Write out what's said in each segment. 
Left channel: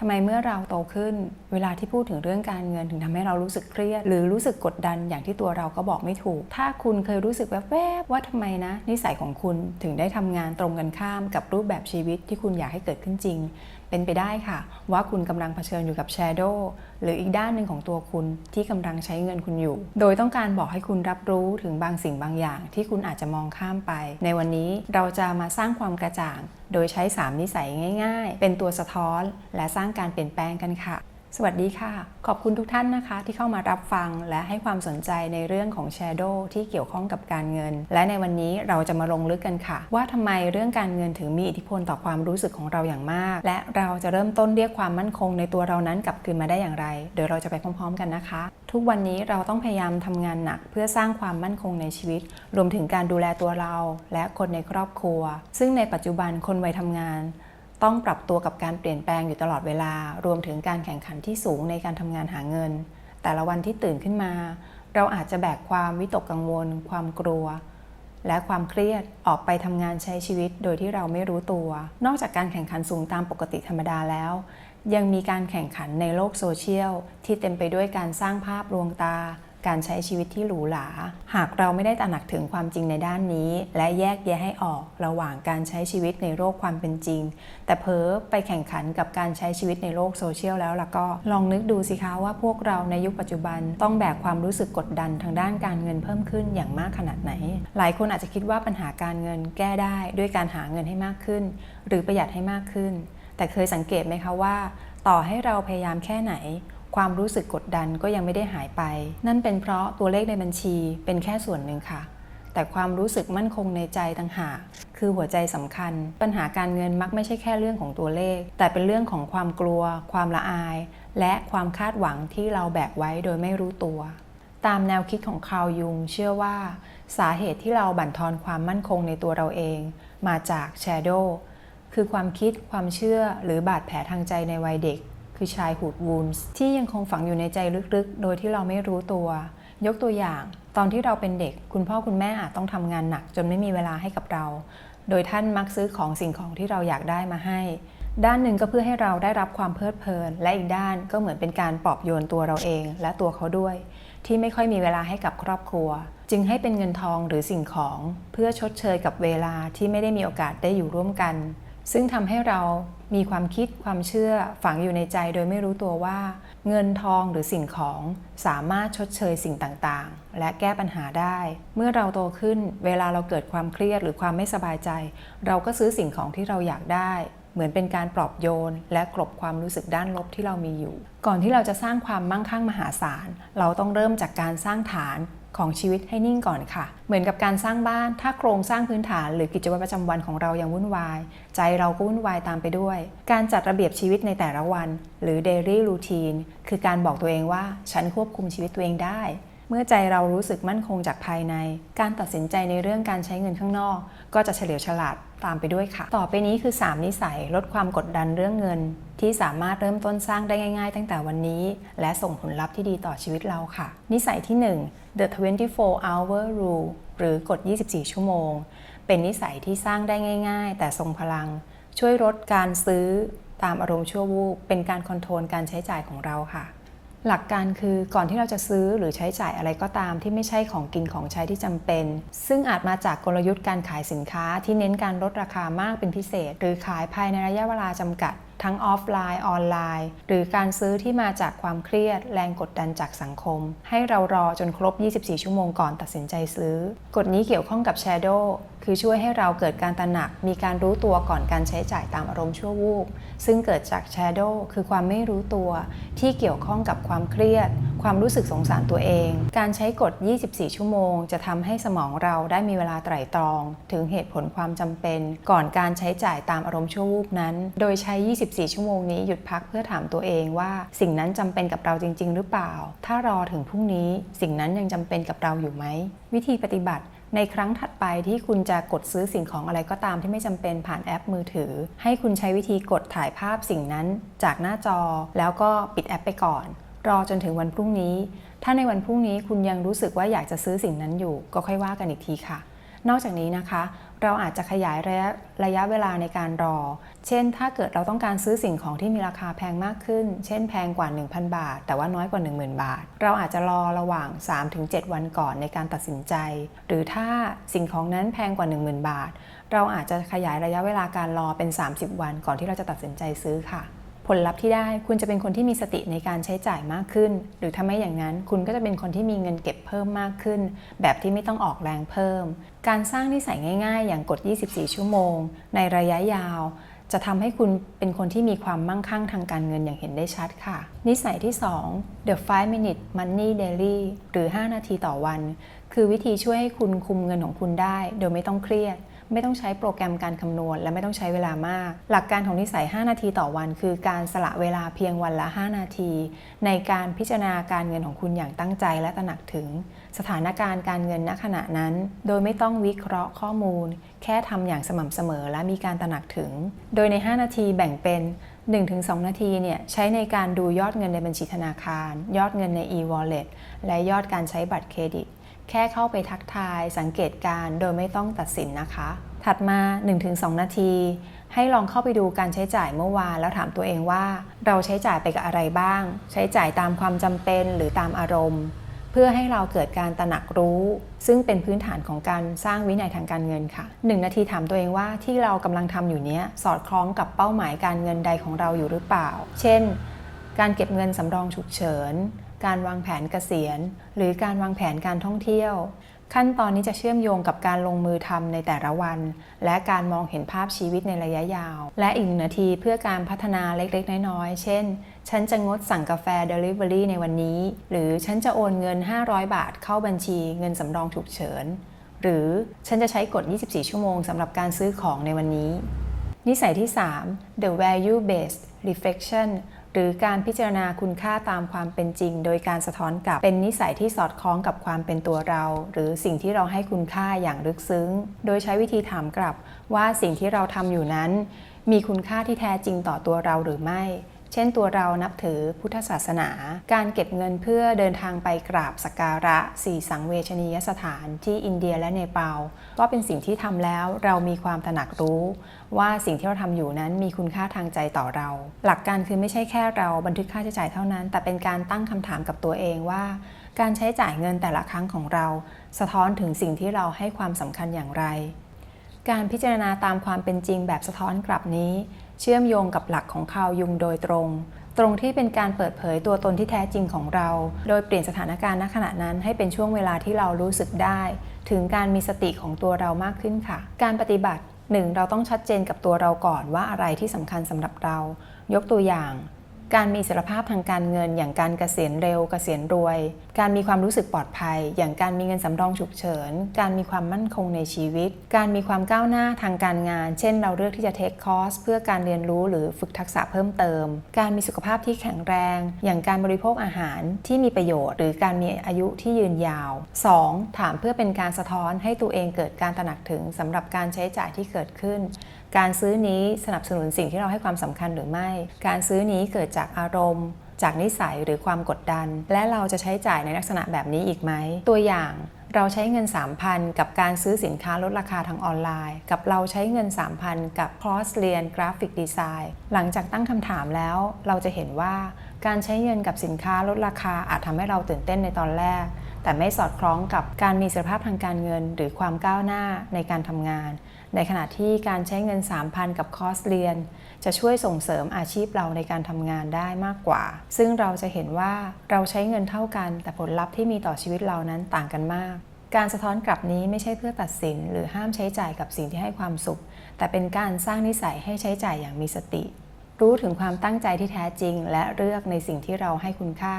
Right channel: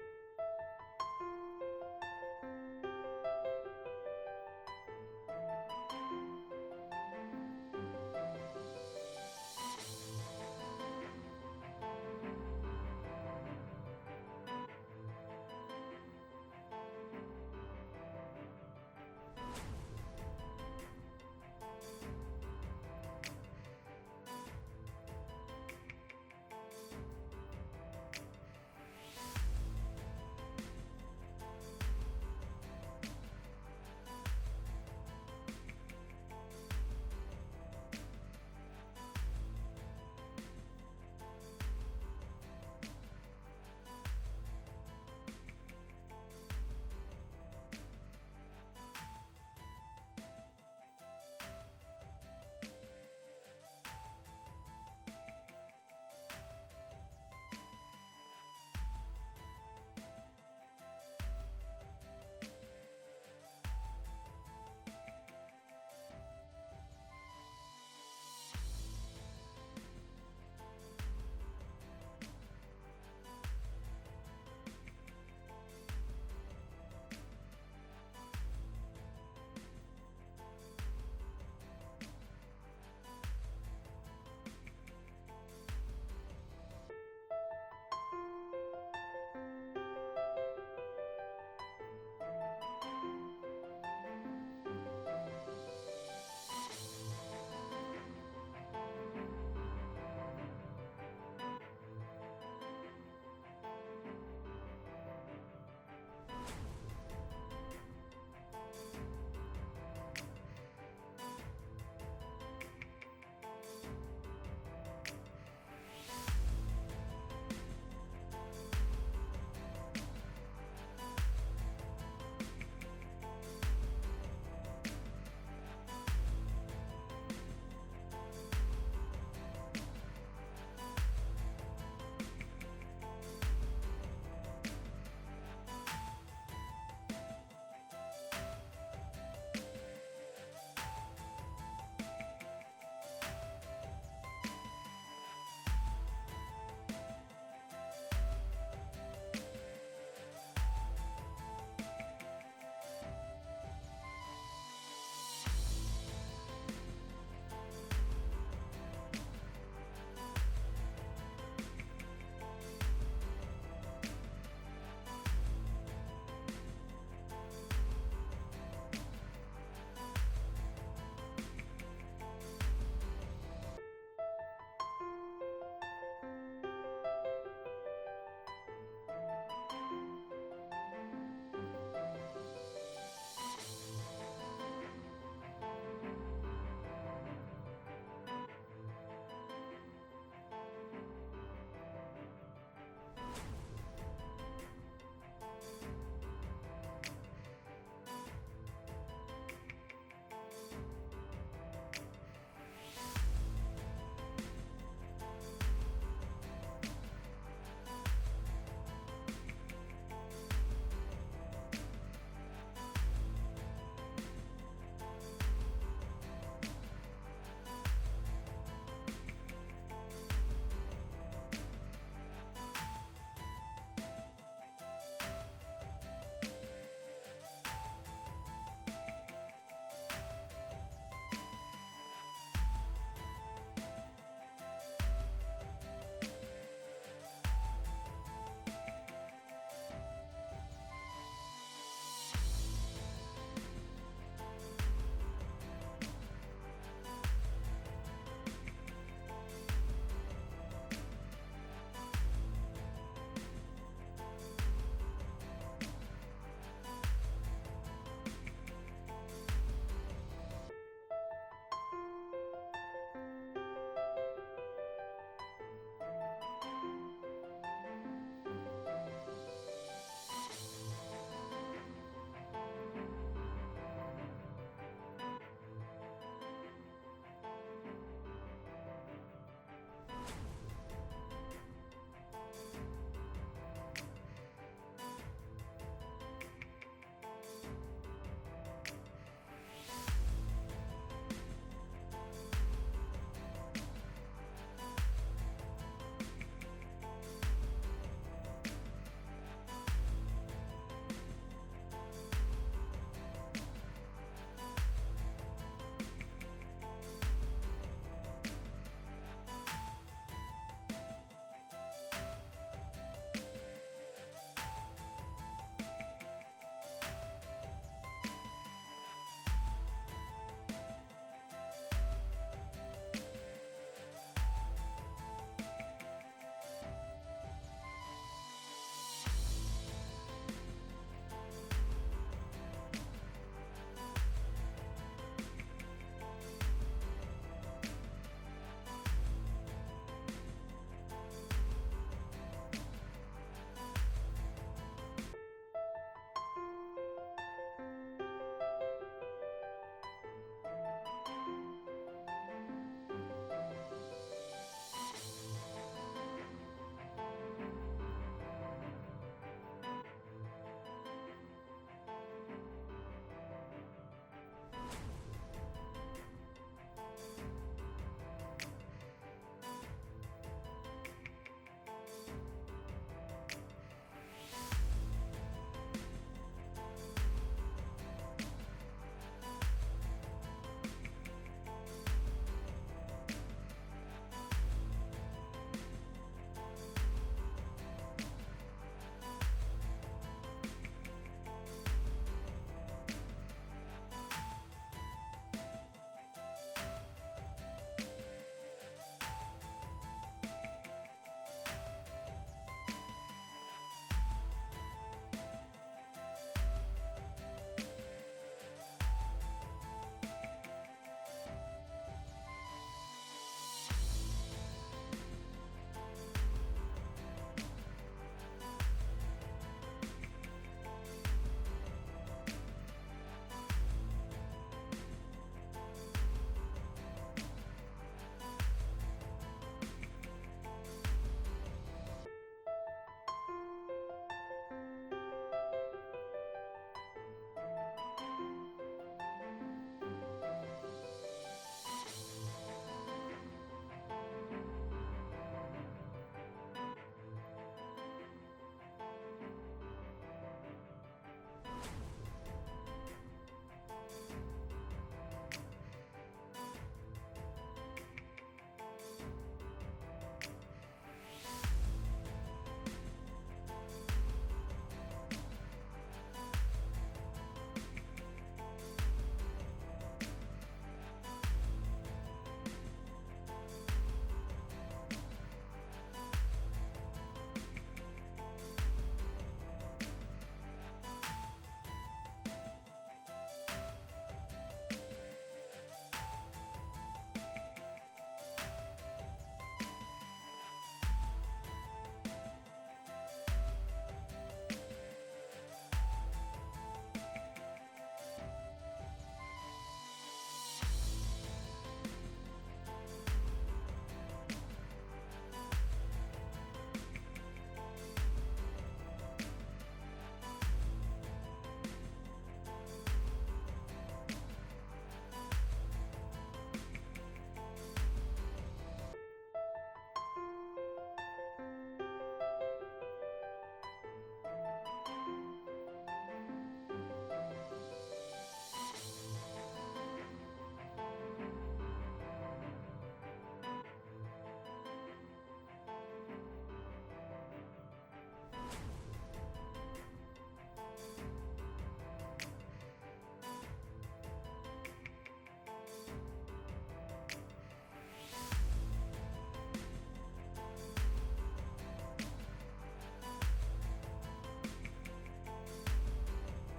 ทำไมเมื่อเราโตขึ้นเวลาที่พูดถึงเรื่องการเงินถึงทำให้เรารู้สึกเครียดหรือรู้สึกกดดันอย่างที่ตัวเราก็บอกไม่ถูกถ้าคุณเคยรู้สึกแวบๆว่าทำไมนะนิสัยของคุณถึงได้ทำงานตรงกันข้ามกับรูปแบบชีวิตที่คุณอยากให้เกิดขึ้นจริงเป็นไปได้ค่ะว่าคุณกำลังเผชิญอยู่กับแชโดว์หรืออีกด้านหนึ่งของตัวคุณที่กำลังใช้เงินคุณอยู่โดยต้องการบอกให้คุณรับรู้ถึงบางสิ่งบางอย่างที่คุณอาจจะมองข้ามไปในวันนี้เราจะมาสร้างความกระจ่างโดยใช้3นิสัยง่ายๆเป็นตัวสะท้อนและสร้างการเปลี่ยนแปลงกันค่ะสวัสดีค่ะขอบคุณทุกท่านนะคะที่เข้ามารับฟังและให้ความสนใจในเรื่องของแชโดว์ที่เกี่ยวข้องกับการเงินและในวันนี้เราจะมาลงลึกกันค่ะว่าทำไมเรื่องการเงินถึงมีอิทธิพลต่อความรู้สึกของเราอย่างมากและเราจะเริ่มต้นเรียกความมั่นคงในตัวเรานั้นกลับคืนมาได้อย่างไรเดี๋ยวเราจะไปพร้อมๆกันนะคะทุกวันนี้เราต้องพยายามทำงานหนักเพื่อสร้างความมั่นคงในชีวิตรวมถึงการดูแลตัวเราและคนในครอบครัวซึ่งในปัจจุบันคนวัยทำงานต้องปรับตัวกับการเปลี่ยนแปลงอยู่ตลอดเวลารวมถึงการแข่งขันที่สูงในการทำงานหาเงินแต่ละวันที่ตื่นขึ้นมาเราอาจจะแบกความวิตกกังวลความกลัวและความเครียดออกไปทำงานใช้ชีวิตโดยที่เราไม่รู้ตัวนอกจากการแข่งขันสูงตามปกติธรรมดาแล้วยังมีการแข่งขันในโลกโซเชียลที่เต็มไปด้วยการสร้างภาพลวงตาการใช้ชีวิตที่หรูหราหากเราไม่ได้ตระหนักถึงความจริงในด้านนี้และแยกแยะให้ออกระหว่างการใช้ชีวิตในโลกความเป็นจริงแต่เพ้อไปแข่งขันกับการใช้ชีวิตในโลกโซเชียลแล้วล่ะก็ลองนึกดูสิคะว่าพวกเราในยุคปัจจุบันต้องแบกความรู้สึกกดดันทางด้านการเงินเพิ่มขึ้นอย่างมากขนาดไหนหลายคนอาจจะคิดว่าปัญหาการเงินแก้ได้ด้วยการหาเงินให้มากขึ้นหรือประหยัดให้มากขึ้นแต่เคยสังเกตไหมคะว่าต่อให้เราพยายามแค่ไหนความรู้สึกกดดันก็ยังไม่ได้หายไปนั่นเป็นเพราะตัวเลขในบัญชีเป็นแค่ส่วนหนึ่งค่ะแต่ความรู้สึกมั่นคงในใจต่างหากคือหัวใจสำคัญปัญหาการเงินมักไม่ใช่แค่เรื่องของตัวเลขแต่เป็นเรื่องของความกลัวความละอายและความคาดหวังที่เราแบกไว้โดยไม่รู้ตัวตามแนวคิดของคาร์ล ยุงเชื่อว่าสาเหตุที่เราบั่นทอนความมั่นคงในตัวเราเองมาจากแชโดว์คือความคิดความเชื่อหรือบาดแผลทางใจในวัยเด็กคือchildhood woundsที่ยังคงฝังอยู่ในใจลึกๆโดยที่เราไม่รู้ตัวยกตัวอย่างตอนที่เราเป็นเด็กคุณพ่อคุณแม่อาจต้องทำงานหนักจนไม่มีเวลาให้กับเราโดยท่านมักซื้อสิ่งของที่เราอยากได้มาให้ด้านหนึ่งก็เพื่อให้เราได้รับความเพลิดเพลินและอีกด้านก็เหมือนเป็นการปลอบโยนตัวเราเองและตัวเขาด้วยที่ไม่ค่อยมีเวลาให้กับครอบครัวจึงให้เป็นเงินทองหรือสิ่งของเพื่อชดเชยกับเวลาที่ไม่ได้มีโอกาสได้อยู่ร่วมกันซึ่งทำให้เรามีความคิดความเชื่อฝังอยู่ในใจโดยไม่รู้ตัวว่าเงินทองหรือสิ่งของสามารถชดเชยสิ่งต่างๆและแก้ปัญหาได้เมื่อเราโตขึ้นเวลาเราเกิดความเครียดหรือความไม่สบายใจเราก็ซื้อสิ่งของที่เราอยากได้เหมือนเป็นการปลอบโยนและกลบความรู้สึกด้านลบที่เรามีอยู่ก่อนที่เราจะสร้างความมั่งคั่งมหาศาลเราต้องเริ่มจากการสร้างฐานของชีวิตให้นิ่งก่อนค่ะเหมือนกับการสร้างบ้านถ้าโครงสร้างพื้นฐานหรือกิจวัตรประจำวันของเรายังวุ่นวายใจเราก็วุ่นวายตามไปด้วยการจัดระเบียบชีวิตในแต่ละวันหรือ daily routine คือการบอกตัวเองว่าฉันควบคุมชีวิตตัวเองได้เมื่อใจเรารู้สึกมั่นคงจากภายในการตัดสินใจในเรื่องการใช้เงินข้างนอกก็จะเฉลียวฉลาดตามไปด้วยค่ะต่อไปนี้คือ3นิสัยลดความกดดันเรื่องเงินที่สามารถเริ่มต้นสร้างได้ง่ายๆตั้งแต่วันนี้และส่งผลลัพธ์ที่ดีต่อชีวิตเราค่ะนิสัยที่1 The 24-hour rule หรือกฎ24 ชั่วโมงเป็นนิสัยที่สร้างได้ง่ายๆแต่ทรงพลังช่วยลดการซื้อตามอารมณ์ชั่ววูบเป็นการคอนโทรลการใช้จ่ายของเราค่ะหลักการคือก่อนที่เราจะซื้อหรือใช้จ่ายอะไรก็ตามที่ไม่ใช่ของกินของใช้ที่จำเป็นซึ่งอาจมาจากกลยุทธ์การขายสินค้าที่เน้นการลดราคามากเป็นพิเศษหรือขายภายในระยะเวลาจำกัดทั้งออฟไลน์ออนไลน์หรือการซื้อที่มาจากความเครียดแรงกดดันจากสังคมให้เรารอจนครบ24 ชั่วโมงก่อนตัดสินใจซื้อกฎนี้เกี่ยวข้องกับ Shadow คือช่วยให้เราเกิดการตระหนักมีการรู้ตัวก่อนการใช้จ่ายตามอารมณ์ชั่ววูบซึ่งเกิดจาก Shadow คือความไม่รู้ตัวที่เกี่ยวข้องกับความเครียดความรู้สึกสงสารตัวเองการใช้กฎ24 ชั่วโมงจะทำให้สมองเราได้มีเวลาไตร่ตรองถึงเหตุผลความจำเป็นก่อนการใช้จ่ายตามอารมณ์ชั่ววูบนั้นโดยใช้24 ชั่วโมงนี้หยุดพักเพื่อถามตัวเองว่าสิ่งนั้นจำเป็นกับเราจริงๆหรือเปล่าถ้ารอถึงพรุ่งนี้สิ่งนั้นยังจำเป็นกับเราอยู่ไหมวิธีปฏิบัติในครั้งถัดไปที่คุณจะกดซื้อสิ่งของอะไรก็ตามที่ไม่จำเป็นผ่านแอปมือถือให้คุณใช้วิธีกดถ่ายภาพสิ่งนั้นจากหน้าจอแล้วก็ปิดแอปไปก่อนรอจนถึงวันพรุ่งนี้ถ้าในวันพรุ่งนี้คุณยังรู้สึกว่าอยากจะซื้อสิ่งนั้นอยู่ก็ค่อยว่ากันอีกทีค่ะนอกจากนี้นะคะ เราอาจจะขยายระยะเวลาในการรอเช่นถ้าเกิดเราต้องการซื้อสิ่งของที่มีราคาแพงมากขึ้นเช่นแพงกว่า 1,000 บาทแต่ว่าน้อยกว่า 10,000 บาทเราอาจจะรอระหว่าง 3-7 วันก่อนในการตัดสินใจหรือถ้าสิ่งของนั้นแพงกว่า 10,000 บาทเราอาจจะขยายระยะเวลาการรอเป็น30 วันก่อนที่เราจะตัดสินใจซื้อค่ะผลลัพธ์ที่ได้คุณจะเป็นคนที่มีสติในการใช้จ่ายมากขึ้นหรือถ้าไม่อย่างนั้นคุณก็จะเป็นคนที่มีเงินเก็บเพิ่มมากขึ้นแบบที่ไม่ต้องออกแรงเพิ่มการสร้างนิสัยง่ายๆอย่างกฎ 24 ชั่วโมงในระยะยาวจะทำให้คุณเป็นคนที่มีความมั่งคั่งทางการเงินอย่างเห็นได้ชัดค่ะนิสัยที่ 2 The 5-Minute Money Daily หรือ 5 นาทีต่อวันคือวิธีช่วยให้คุณคุมเงินของคุณได้โดยไม่ต้องเครียดไม่ต้องใช้โปรแกรมการคำนวณและไม่ต้องใช้เวลามากหลักการของนิสัย 5 นาทีต่อวันคือการสละเวลาเพียงวันละ 5 นาทีในการพิจารณาการเงินของคุณอย่างตั้งใจและตระหนักถึงสถานการณ์การเงินณขณะนั้นโดยไม่ต้องวิเคราะห์ข้อมูลแค่ทำอย่างสม่ำเสมอและมีการตระหนักถึงโดยใน 5 นาทีแบ่งเป็น 1-2 นาทีใช้ในการดูยอดเงินในบัญชีธนาคารยอดเงินใน e-wallet และยอดการใช้บัตรเครดิตแค่เข้าไปทักทายสังเกตการโดยไม่ต้องตัดสินนะคะถัดมา 1-2 นาทีให้ลองเข้าไปดูการใช้จ่ายเมื่อวานแล้วถามตัวเองว่าเราใช้จ่ายไปกับอะไรบ้างใช้จ่ายตามความจำเป็นหรือตามอารมณ์เพื่อให้เราเกิดการตระหนักรู้ซึ่งเป็นพื้นฐานของการสร้างวินัยทางการเงินค่ะ1 นาทีถามตัวเองว่าที่เรากำลังทำอยู่นี้สอดคล้องกับเป้าหมายการเงินใดของเราอยู่หรือเปล่าเช่นการเก็บเงินสำรองฉุกเฉินการวางแผนเกษียณหรือการวางแผนการท่องเที่ยวขั้นตอนนี้จะเชื่อมโยงกับการลงมือทำในแต่ละวันและการมองเห็นภาพชีวิตในระยะยาวและอีก1 นาทีเพื่อการพัฒนาเล็กๆน้อยๆเช่นฉันจะงดสั่งกาแฟ Delivery ในวันนี้หรือฉันจะโอนเงิน500 บาทเข้าบัญชีเงินสำรองฉุกเฉินหรือฉันจะใช้กฎ 24 ชั่วโมงสำหรับการซื้อของในวันนี้นิสัยที่ 3 The Value Based Reflectionหรือการพิจารณาคุณค่าตามความเป็นจริงโดยการสะท้อนกลับเป็นนิสัยที่สอดคล้องกับความเป็นตัวเราหรือสิ่งที่เราให้คุณค่าอย่างลึกซึ้งโดยใช้วิธีถามกลับว่าสิ่งที่เราทำอยู่นั้นมีคุณค่าที่แท้จริงต่อตัวเราหรือไม่เช่นตัวเรานับถือพุทธศาสนาการเก็บเงินเพื่อเดินทางไปกราบสักการะ4 สังเวชนียสถานที่อินเดียและเนปาลก็เป็นสิ่งที่ทำแล้วเรามีความตระหนักรู้ว่าสิ่งที่เราทำอยู่นั้นมีคุณค่าทางใจต่อเราหลักการคือไม่ใช่แค่เราบันทึกค่าใช้จ่ายเท่านั้นแต่เป็นการตั้งคำถามกับตัวเองว่าการใช้จ่ายเงินแต่ละครั้งของเราสะท้อนถึงสิ่งที่เราให้ความสำคัญอย่างไรการพิจารณาตามความเป็นจริงแบบสะท้อนกลับนี้เชื่อมโยงกับหลักของคาร์ล ยุงโดยตรงที่เป็นการเปิดเผยตัวตนที่แท้จริงของเราโดยเปลี่ยนสถานการณ์ณขณะนั้นให้เป็นช่วงเวลาที่เรารู้สึกได้ถึงการมีสติของตัวเรามากขึ้นค่ะการปฏิบัติ 1. เราต้องชัดเจนกับตัวเราก่อนว่าอะไรที่สำคัญสำหรับเรายกตัวอย่างการมีอิสรภาพทางการเงินอย่างการเกษียณเร็วเกษียณรวยการมีความรู้สึกปลอดภัยอย่างการมีเงินสำรองฉุกเฉินการมีความมั่นคงในชีวิตการมีความก้าวหน้าทางการงานเช่นเราเลือกที่จะเทคคอร์สเพื่อการเรียนรู้หรือฝึกทักษะเพิ่มเติมการมีสุขภาพที่แข็งแรงอย่างการบริโภคอาหารที่มีประโยชน์หรือการมีอายุที่ยืนยาว 2. ถามเพื่อเป็นการสะท้อนให้ตัวเองเกิดการตระหนักถึงสำหรับการใช้จ่ายที่เกิดขึ้นการซื้อนี้สนับสนุนสิ่งที่เราให้ความสำคัญหรือไม่การซื้อนี้เกิดจากอารมณ์จากนิสัยหรือความกดดันและเราจะใช้จ่ายในลักษณะแบบนี้อีกไหมตัวอย่างเราใช้เงิน 3,000 กับการซื้อสินค้าลดราคาทางออนไลน์กับเราใช้เงิน 3,000 กับคอร์สเรียนกราฟิกดีไซน์หลังจากตั้งคำถามแล้วเราจะเห็นว่าการใช้เงินกับสินค้าลดราคาอาจทำให้เราตื่นเต้นในตอนแรกแต่ไม่สอดคล้องกับการมีอิสรภาพทางการเงินหรือความก้าวหน้าในการทำงานในขณะที่การใช้เงิน 3,000 กับคอร์สเรียนจะช่วยส่งเสริมอาชีพเราในการทำงานได้มากกว่าซึ่งเราจะเห็นว่าเราใช้เงินเท่ากันแต่ผลลัพธ์ที่มีต่อชีวิตเรานั้นต่างกันมากการสะท้อนกลับนี้ไม่ใช่เพื่อตัดสินหรือห้ามใช้จ่ายกับสิ่งที่ให้ความสุขแต่เป็นการสร้างนิสัยให้ใช้จ่ายอย่างมีสติรู้ถึงความตั้งใจที่แท้จริงและเลือกในสิ่งที่เราให้คุณค่า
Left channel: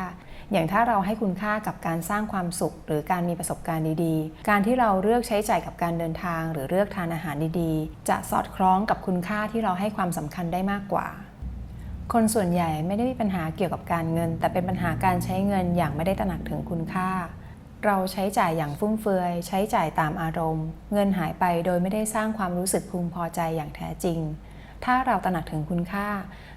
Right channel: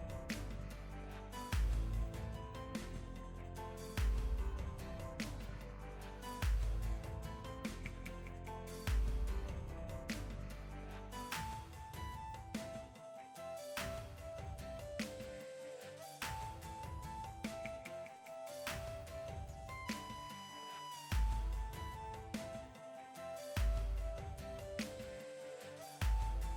อย่างถ้าเราให้คุณค่ากับการสร้างความสุขหรือการมีประสบการณ์ดีๆการที่เราเลือกใช้จ่ายกับการเดินทางหรือเลือกทานอาหารดีๆจะสอดคล้องกับคุณค่าที่เราให้ความสำคัญได้มากกว่าคนส่วนใหญ่ไม่ได้มีปัญหาเกี่ยวกับการเงินแต่เป็นปัญหาการใช้เงินอย่างไม่ได้ตระหนักถึงคุณค่าเราใช้จ่ายอย่างฟุ่มเฟือยใช้จ่ายตามอารมณ์เงินหายไปโดยไม่ได้สร้างความรู้สึกพึงพอใจอย่างแท้จริงถ้าเราตระหนักถึงคุณค่า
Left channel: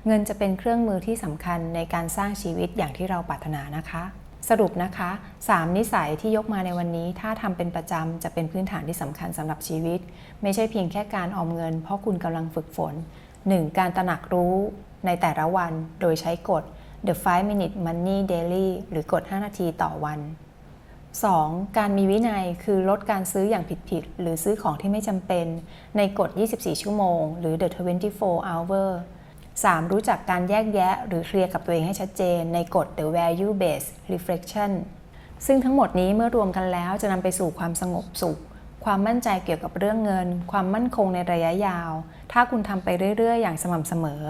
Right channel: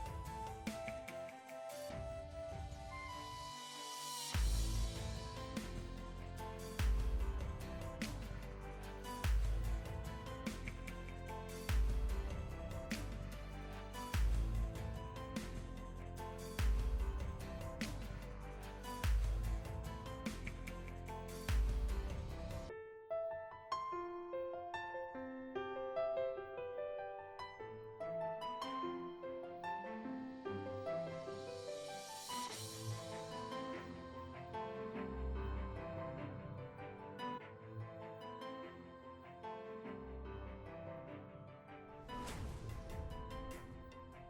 เงินจะเป็นเครื่องมือที่สำคัญในการสร้างชีวิตอย่างที่เราปรารถนานะคะสรุปนะคะ3 นิสัยที่ยกมาในวันนี้ถ้าทำเป็นประจำจะเป็นพื้นฐานที่สำคัญสำหรับชีวิต ไม่ใช่เพียงแค่การออมเงินเพราะคุณกำลังฝึกฝน 1. การตระหนักรู้ในแต่ละวันโดยใช้กฎ The 5-Minute Money Daily หรือกฎ 5 นาทีต่อวัน 2. การมีวินัยคือลดการซื้ออย่างผิดๆหรือซื้อของที่ไม่จำเป็นในกฎ 24 ชั่วโมงหรือ The 24 Hour 3. รู้จักการแยกแยะหรือเคลียร์กับตัวเองให้ชัดเจนในกฎ The Value Based Reflection ซึ่งทั้งหมดนี้เมื่อรวมกันแล้วจะนำไปสู่ความสงบสุขความมั่นใจเกี่ยวกับเรื่องเงินความมั่นคงในระยะยาวถ้าคุณทำไปเรื่อยๆอย่างสม่ำเสมอ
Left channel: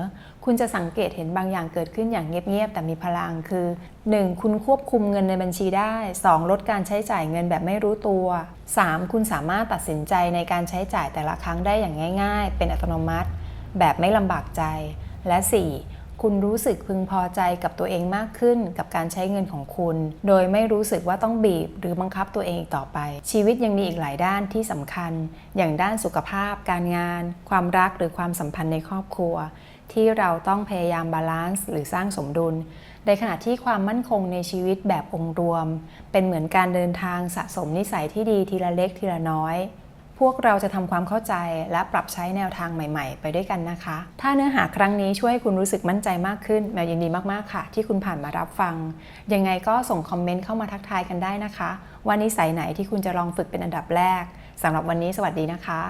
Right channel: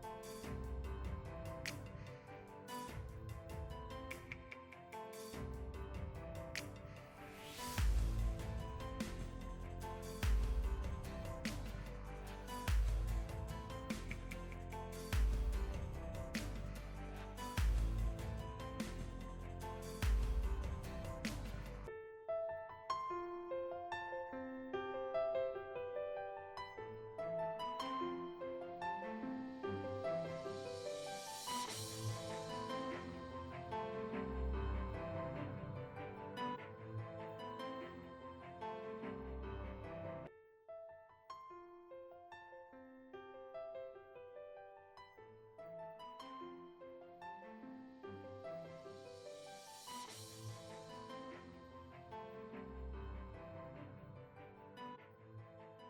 คุณจะสังเกตเห็นบางอย่างเกิดขึ้นอย่างเงียบๆแต่มีพลังคือ 1. คุณควบคุมเงินในบัญชีได้ 2. ลดการใช้จ่ายเงินแบบไม่รู้ตัว 3. คุณสามารถตัดสินใจในการใช้จ่ายแต่ละครั้งได้อย่างง่ายๆเป็นอัตโนมัติแบบไม่ลำบากใจและ 4. คุณรู้สึกพึงพอใจกับตัวเองมากขึ้นกับการใช้เงินของคุณโดยไม่รู้สึกว่าต้องบีบหรือบังคับตัวเองอีกต่อไปชีวิตยังมีอีกหลายด้านที่สำคัญอย่างด้านสุขภาพการงานความรักหรือความสัมพันธ์ในครอบครัวที่เราต้องพยายามบาลานซ์หรือสร้างสมดุลในขณะที่ความมั่นคงในชีวิตแบบองค์รวมเป็นเหมือนการเดินทางสะสมนิสัยที่ดีทีละเล็กทีละน้อยพวกเราจะทำความเข้าใจและปรับใช้แนวทางใหม่ๆไปด้วยกันนะคะถ้าเนื้อหาครั้งนี้ช่วยให้คุณรู้สึกมั่นใจมากขึ้นแมวยินดีมากๆค่ะที่คุณผ่านมารับฟังยังไงก็ส่งคอมเมนต์เข้ามาทักทายกันได้นะคะว่านิสัยไหนที่คุณจะลองฝึกเป็นอันดับแรกสำหรับวันนี้สวัสดีนะคะ